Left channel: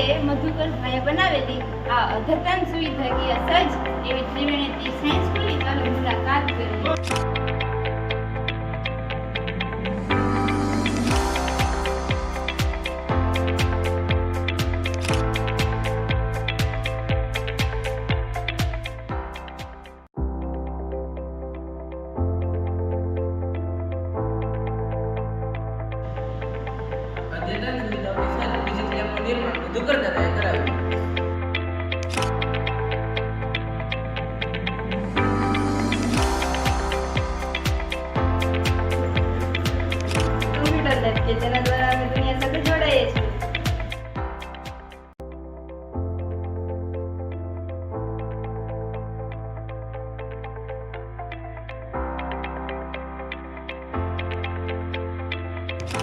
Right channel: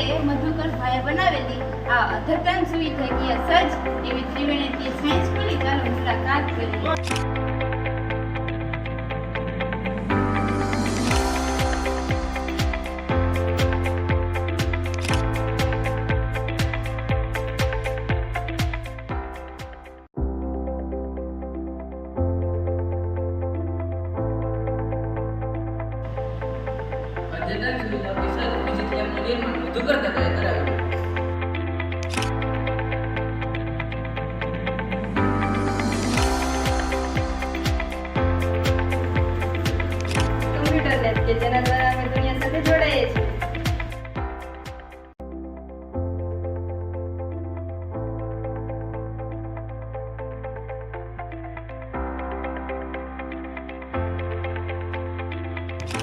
આપણે મધુકરભાઈએ બનાવેલી આ અદ્યતન સુવિધાકીય સજ્જ એવી ત્રિવેણીથી સાયન્સ સ્કૂલની ચાલો મુલાકાત કરીએ. અદ્યતન સુવિધાઓથી સજ્જ ફિઝિક્સ લેબનું નિર્માણ મધુકર દાદાએ કરાવ્યું. કમ્પ્યુટર લેબ કે જેના દ્વારા અમે દુનિયા સાથે જોડાઈએ છીએ.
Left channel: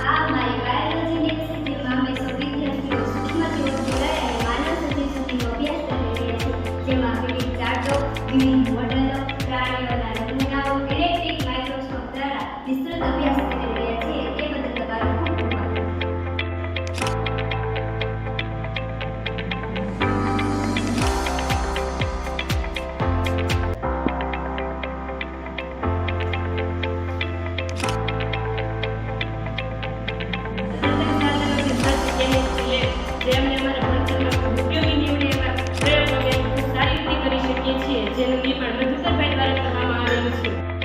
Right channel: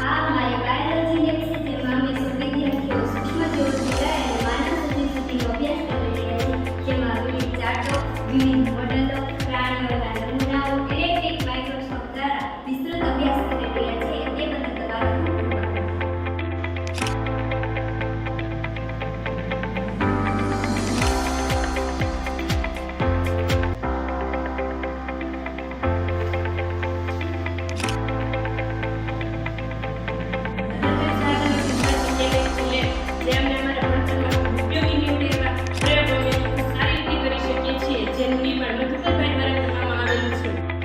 આ મારી બાયોલોજી લેબ છે જેમાં અમે સૌ વિદ્યાર્થીઓ સૂક્ષ્મજીવોથી લઈ અને માનવ સજીવ સુધીનો અભ્યાસ કરી રહ્યા છીએ, જેમાં વિવિધ ચાર્ટો, વિવિધ મોડેલો, પ્રાણીઓના નમૂનાઓ ઇલેક્ટ્રિક માઇક્રોસ્કોપ દ્વારા વિસ્તૃત અભ્યાસ કરી રહ્યા છીએ. તે બદલ તમારો ખૂબ ખૂબ આભાર. અદ્યતન સાધનોથી સજ્જ કેમિસ્ટ્રી લેબ જે અમને અમારા ભણતરમાં ખૂબ ઉપયોગી નીવડે એવા પ્રયોગો અમે ખૂબ સારી રીતે કરી શકીએ છીએ, જેનું નિર્માણ મધુકરભાઈ દ્વારા કરવામાં આવેલું છે.